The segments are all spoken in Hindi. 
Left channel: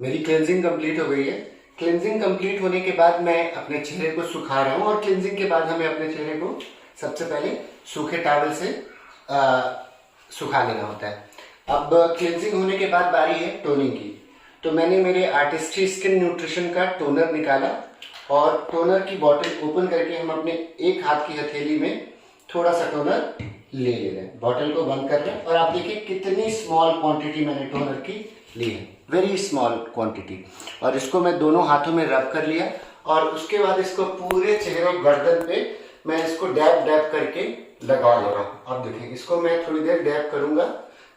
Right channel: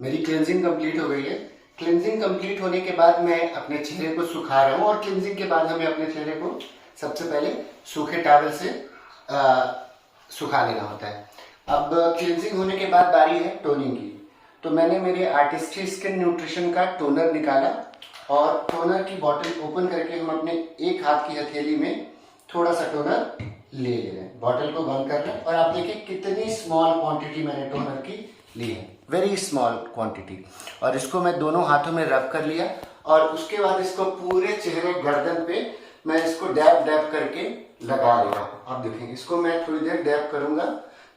मेरी क्लेंजिंग कंप्लीट हो गई है। क्लेंजिंग कंप्लीट होने के बाद मैं अपने चेहरे को सुखा रहा हूँ और क्लेंजिंग के बाद हमें अपने चेहरे को सबसे पहले सूखे टॉवल से सुखा लेना होता है। अब क्लेंजिंग होने के बाद बारी है टोनिंग की। तो मैंने मेरे आर्टिस्ट्री स्किन न्यूट्रिशन का टोनर निकाला और टोनर की बॉटल ओपन करके हम अपने एक हाथ की हथेली में थोड़ा सा टोनर ले रहे हैं। बॉटल को बंद कर रहे हैं और आप देखिए कितनी स्मॉल क्वांटिटी मैंने टोनर की ली है, वेरी स्मॉल क्वांटिटी। और इसको मैं दोनों हाथों में रब कर लिया और उसके बाद इसको पूरे चेहरे गर्दन पे मैं इसको डैब डैब करके लगा ले रहा हूँ। आप देखें इसको मैं थोड़ी देर डैब करूंगा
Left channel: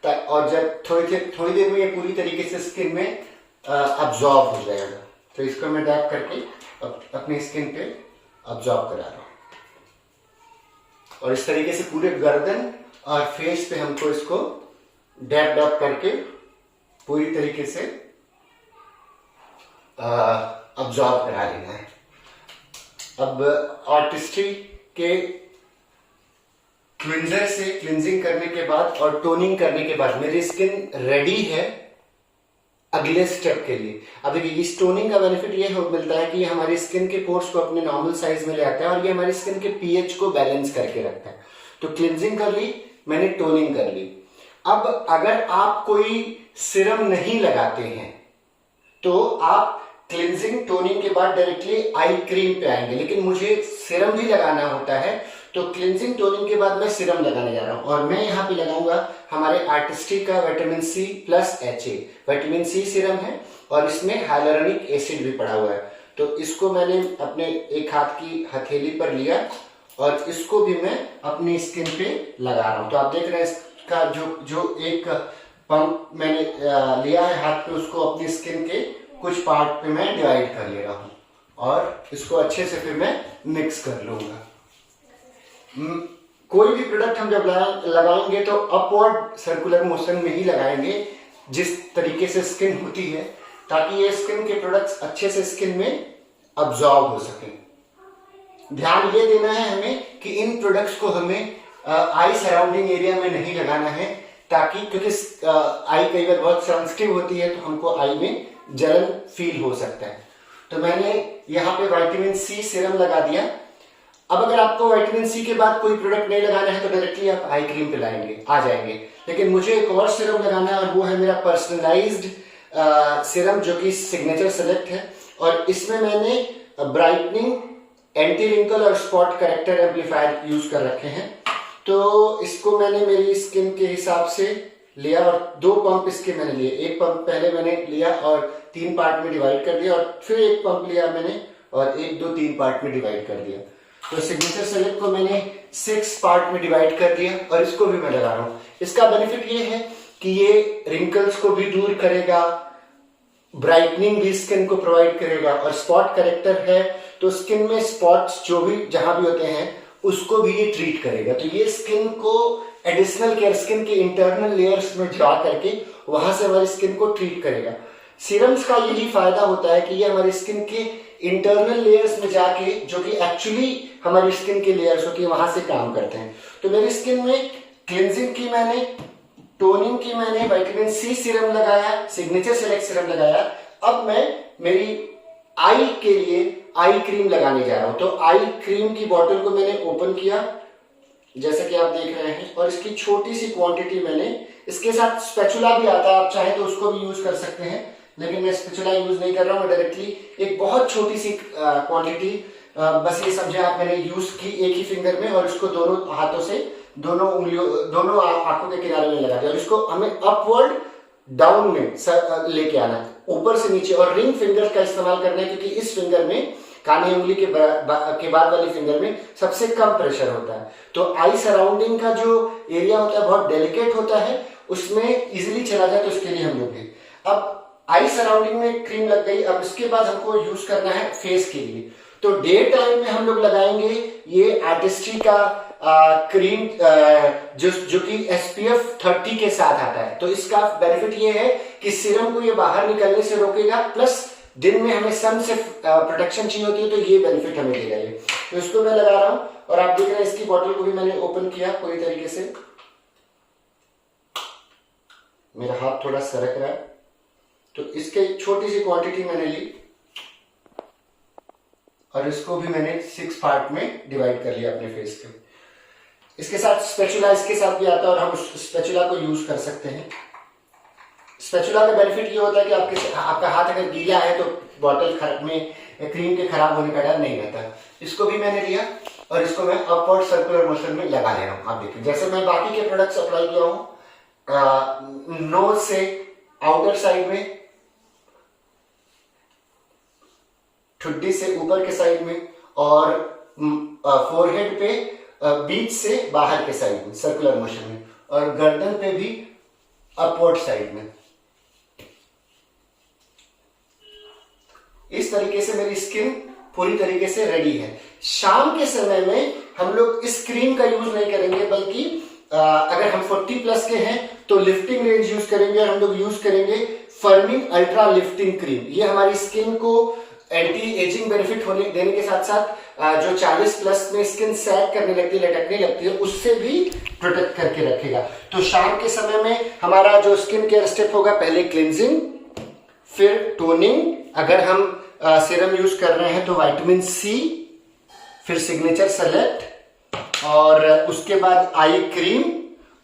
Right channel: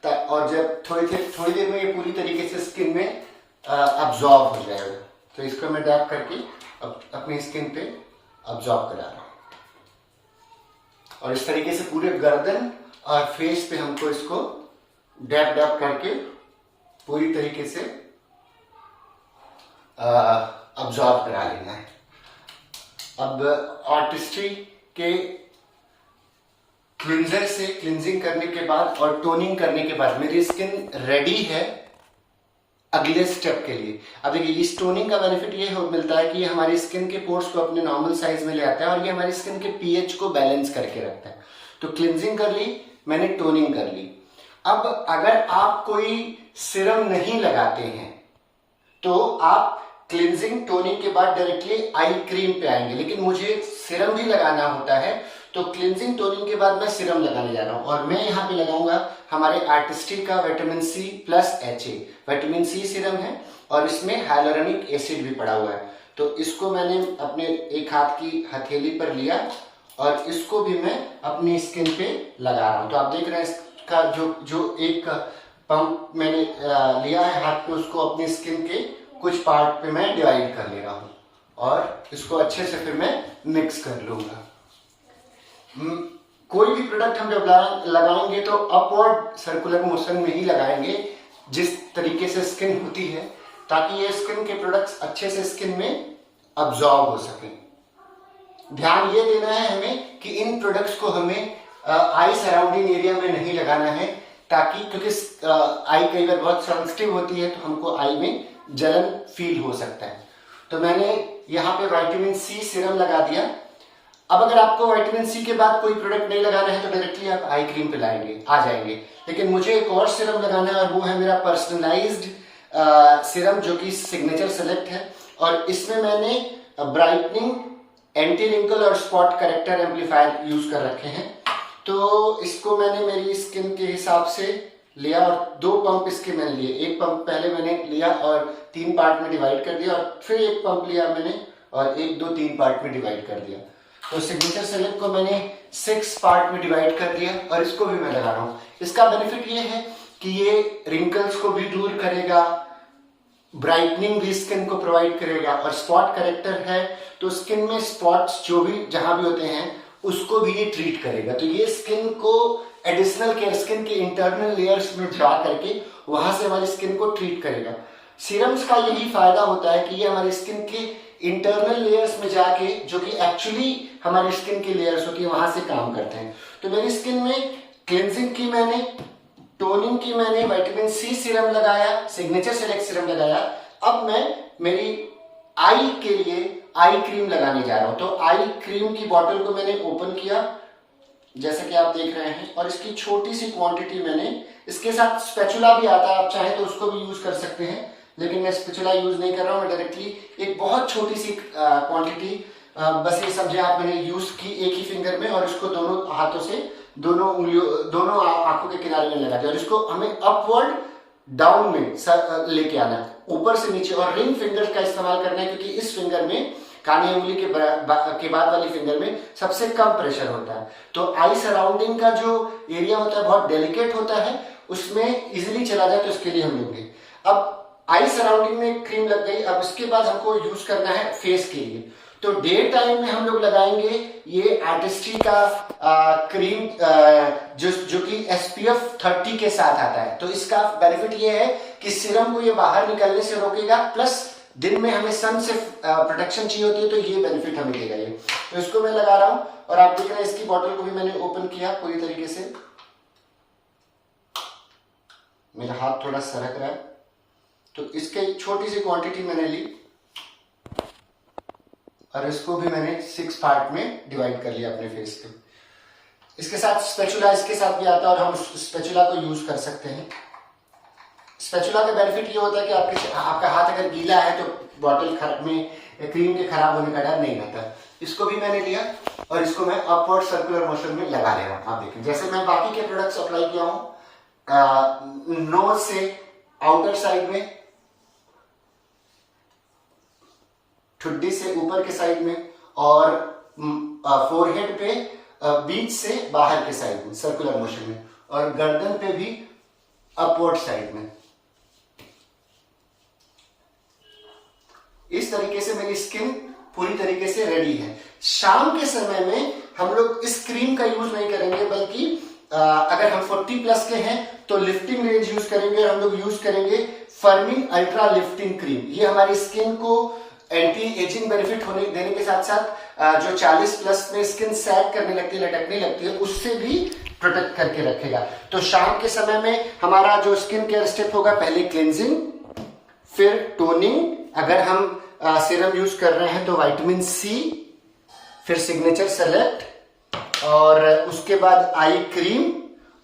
और जब थोड़ी देर में ये पूरी तरीके से स्किन में अब्जॉर्ब हो जाएगा। तो इसको मैं डैब करके अपनी स्किन पे अब्जॉर्ब करा रहा हूँ और इस तरीके से पूरे गर्दन और फेस पे हमको इसको डैब डैब करके पूरी तरीके से अब्जॉर्ब करा लेना है। अब आर्टिस्ट्री के क्लिंजर से क्लिंजिंग करने के बाद और टोनिंग करने के बाद मेरी स्किन रेडी है अगले स्टेप के लिए। अब देखिए इस टोनिंग का बेनिफिट ये मिलता है कि ये हमारी स्किन के पोर्स को अपने नॉर्मल साइज में ले आता है और ये हमारी स्किन के पीएच को बैलेंस करके रखता है। तो क्लिंजिंग कर ली मैंने, टोनिंग कर ली। अब अगर आप कोई सीरम नहीं लगाते हैं तो आप क्लिंजिंग टोनिंग के बाद डायरेक्टली आई क्रीम पे आएंगे, लेकिन मुझे सीरम भी लगाना होता है। तो क्लिंजिंग टोनिंग के बाद मैं सीरम लगाने जा रहा हूं और मैं यहाँ पे लगाऊंगा हमारे आर्टिस्ट्री का vitamin C plus HA vitamin C serum है और इसमें हाइलुरोनिक एसिड भी पड़ा हुआ है। तो इसको मैंने अपने एक हाथ की हथेली पर लिया और इसको भी मैं अपनी स्किन पे लगा रहा हूं। तो आप देख रहे हैं इसका जो एक पंप मैंने लिया है हाथ पे, उसको अपनी स्किन के कुछ पार्ट पे मैं डिवाइड कर ले रहा हूं और इसको अच्छे से फिर मैं मिक्स कर लूंगा। कोई भी प्रोडक्ट हम जब लगाएंगे तो अपवर्ड सर्कुलर मोशन में ही लगाएंगे जिस तरीके से स्किन होती है, ताकि ये स्किन के प्रोडक्ट्स अच्छे से स्किन में अब्जॉर्ब हो सके। ध्यान ये देना है हमें कि इन प्रोडक्ट्स को हमें आई सराउंडिंग एरिया में नहीं लगाना है, ताकि क्योंकि आई कई बार बहुत सेंसिटिव होती है तो हमको आई में जलन फील हो सकता है। तो मैंने यहाँ पे विटामिन सी सीरम लगा दिया। अब अगर आपको विटामिन सी के बाद कोई प्रोडक्ट नहीं लगाना है तो डायरेक्टली आप आई क्रीम पे आ जाएंगे, लेकिन मुझे एक और सीरम लगाना है और वो है मेरा पर्सनलाइज्ड सीरम जो कि सिग्नेचर सेलेक्ट है। और इसमें मैंने ब्राइटनिंग, एंटी रिंकल और स्पॉट करेक्टर एम्पलीफायर यूज कर रखे हैं। तो इसको मैंने मेरी स्किन के हिसाब से लिया और 2 पंप इसके मैंने लिए। एक पंप पहले मैंने लिया और 3 पार्ट में डिवाइड कर दिया और फिर एक पंप लिया मैंने और 1 2 3 पार्ट में डिवाइड कर दिया। तो सिग्नेचर सेलेक्ट को मैंने 6 पार्ट में डिवाइड कर दिया और इसको भी मैं लगा रहा हूं। इसका बेनिफिट ये है कि ये रिंकल्स को भी दूर करेगा, ब्राइटनिंग भी स्किन को प्रोवाइड करेगा और स्पॉट करेक्टर है तो स्किन में स्पॉट्स जो भी जहां भी होते हैं उसको भी ये ट्रीट करेगा। तो ये स्किन को एडिशनल केयर, स्किन के इंटरनल लेयर्स में जा करके वहां से हमारी स्किन को ट्रीट करेगा। सीरम्स का यही फायदा होता है कि ये हमारी स्किन के इंटरनल लेयर्स में जाके, जो कि एक्चुअली हमारी स्किन के लेयर्स होती है, वहां से काम करते हैं। तो मेरी स्किन में क्लिंजिंग की मैंने, टोनिंग की मैंने, विटामिन सी सीरम लगाया, सिग्नेचर सेलेक्ट सीरम लगाया। अब मैं मेरी आई के लिए आई क्रीम लगाने जा रहा हूं। तो आई क्रीम की बोतल को मैंने ओपन किया जैसे कि आप देख रहे हैं और इसकी छोटी सी क्वांटिटी मैंने, इसके साथ स्पैचुला भी आता है, आप चाहे तो उसको भी यूज कर सकते हैं, लेकिन मैं स्पैचुला यूज नहीं कर रहा हूं। मैं डायरेक्टली एक बहुत छोटी सी क्वांटिटी, बस ये समझे आप, मैंने यूज की एक ही फिंगर में और इसको दोनों हाथों से दोनों उंगलियों, दोनों आंखों के किनारे में लगा दिया और इसको हमें अपवर्ड डाउन में लेके आना है, ऊपर से नीचे। और रिंग फिंगर का इस्तेमाल करना है क्योंकि इस फिंगर में, कानी उंगली के बाद वाली फिंगर में सबसे कम प्रेशर होता है। तो आई सराउंडिंग का जो एरिया होता है बहुत डेलिकेट होता है, उसमें इजिली चला जाए, तो इसके लिए हम लोग अब आई सराउंडिंग में क्रीम लग गई। अब इसके बाद हमको यूज करना है फेस के लिए। तो डे टाइम में हम लोग लगाएंगे ये आर्टिस्ट्री का क्रीम जो कि SPF 30 के साथ आता है। तो इसका बेनिफिट ये है कि सीरम को ये बाहर निकलने से रोकेगा, प्लस दिन में हमें सन से प्रोटेक्शन चाहिए होती है, तो ये बेनिफिट हमें देगा ये। तो इसको मैं लगा रहा हूं और आप देख रहे हैं इसकी बॉटल को भी मैंने ओपन किया पूरी तरीके से। मेरा हाथ थोड़ा सरक रहा है तो इसके छोटी सी क्वांटिटी मैंने ली और इसको भी मैंने 6 पार्ट में डिवाइड कर लिया अपने फेस के। इसके साथ स्पैचुला इसके साथ भी आता है और हम उस स्पैचुला को यूज कर सकते हैं। स्पैचुला का बेनिफिट ये होता है कि आपका हाथ अगर गीला है तो बॉटल में क्रीम के खराब होने का डर नहीं रहता। इसको भी मैंने लिया और इसको मैं अपवर्ड सर्कुलर मोशन में लगा ले रहा हूं। आप देखिए जैसे मैं बाकी के प्रोडक्ट्स अप्लाई किया हूं, नोज से आउटर साइड में, ठुड्डी से ऊपर के साइड में और फोरहेड पे बीच से बाहर के साइड में सर्कुलर मोशन में, और गर्दन पे भी अपवर्ड साइड में। इस तरीके से मेरी स्किन पूरी तरीके से रेडी है। शाम के समय में हम लोग इस क्रीम का यूज नहीं करेंगे, बल्कि अगर हम 40 प्लस के हैं तो लिफ्टिंग रेंज यूज करेंगे और हम लोग यूज करेंगे फर्मिन अल्ट्रा लिफ्टिंग क्रीम। ये हमारी स्किन को एंटी एजिंग बेनिफिट होने देने के साथ साथ जो 40 प्लस में स्किन सैग करने लगती है, लटकने लगती है, उससे भी प्रोटेक्ट करके रखेगा। तो शाम के समय में हमारा जो स्किन केयर स्टेप होगा, पहले क्लिंजिंग, फिर टोनिंग, अगर हम सीरम यूज कर रहे हैं तो विटामिन सी, फिर सिग्नेचर सेलेक्ट, और उसके बाद आई क्रीम,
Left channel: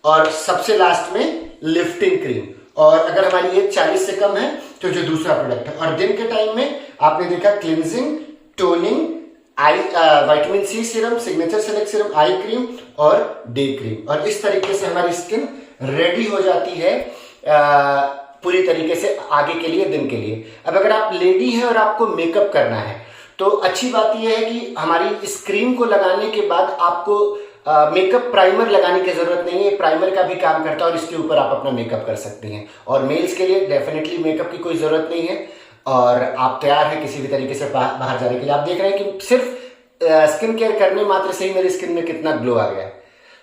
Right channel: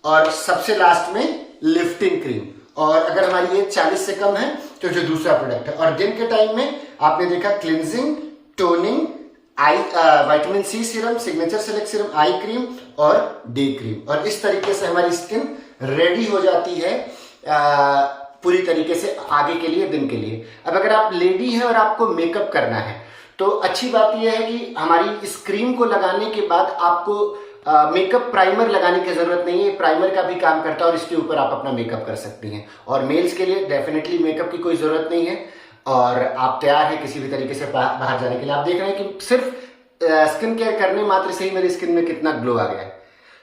और सबसे लास्ट में लिफ्टिंग क्रीम। और अगर हमारी एज 40 से कम है तो जो दूसरा प्रोडक्ट है। और दिन के टाइम में आपने देखा cleansing, toning, eye vitamin C serum, signature select serum, eye cream और डे क्रीम। और इस तरीके से हमारी स्किन रेडी हो जाती है पूरी तरीके से आगे के लिए, दिन के लिए। अब अगर आप लेडी हैं और आपको मेकअप करना है तो अच्छी बात यह है कि हमारी इस क्रीम को लगाने के बाद आपको मेकअप प्राइमर लगाने की जरूरत नहीं है। प्राइमर का भी काम करता है और इसके ऊपर आप अपना मेकअप कर सकती हैं। और मेल्स के लिए डेफिनेटली मेकअप की कोई जरूरत नहीं है और आप तैयार हैं किसी भी तरीके से बाहर जाने के लिए। आप देख रहे हैं कि सिर्फ स्किन केयर करने मात्र से ही मेरी स्किन में कितना ग्लो आ गया है।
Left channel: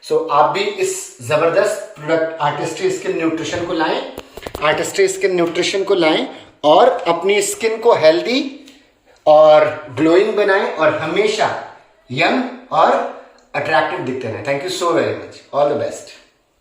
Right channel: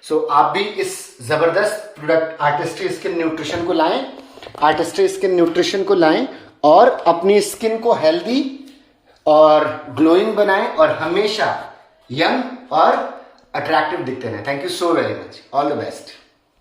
सो आप भी इस जबरदस्त प्रोडक्ट आर्टिस्ट्री स्किन न्यूट्रिशन को लाएं, आर्टिस्ट्री स्किन न्यूट्रिशन को लाएं और अपनी स्किन को हेल्दी और ग्लोइंग बनाएं और हमेशा यंग और अट्रैक्टिव दिखते रहें। Thank you so very much. All the best.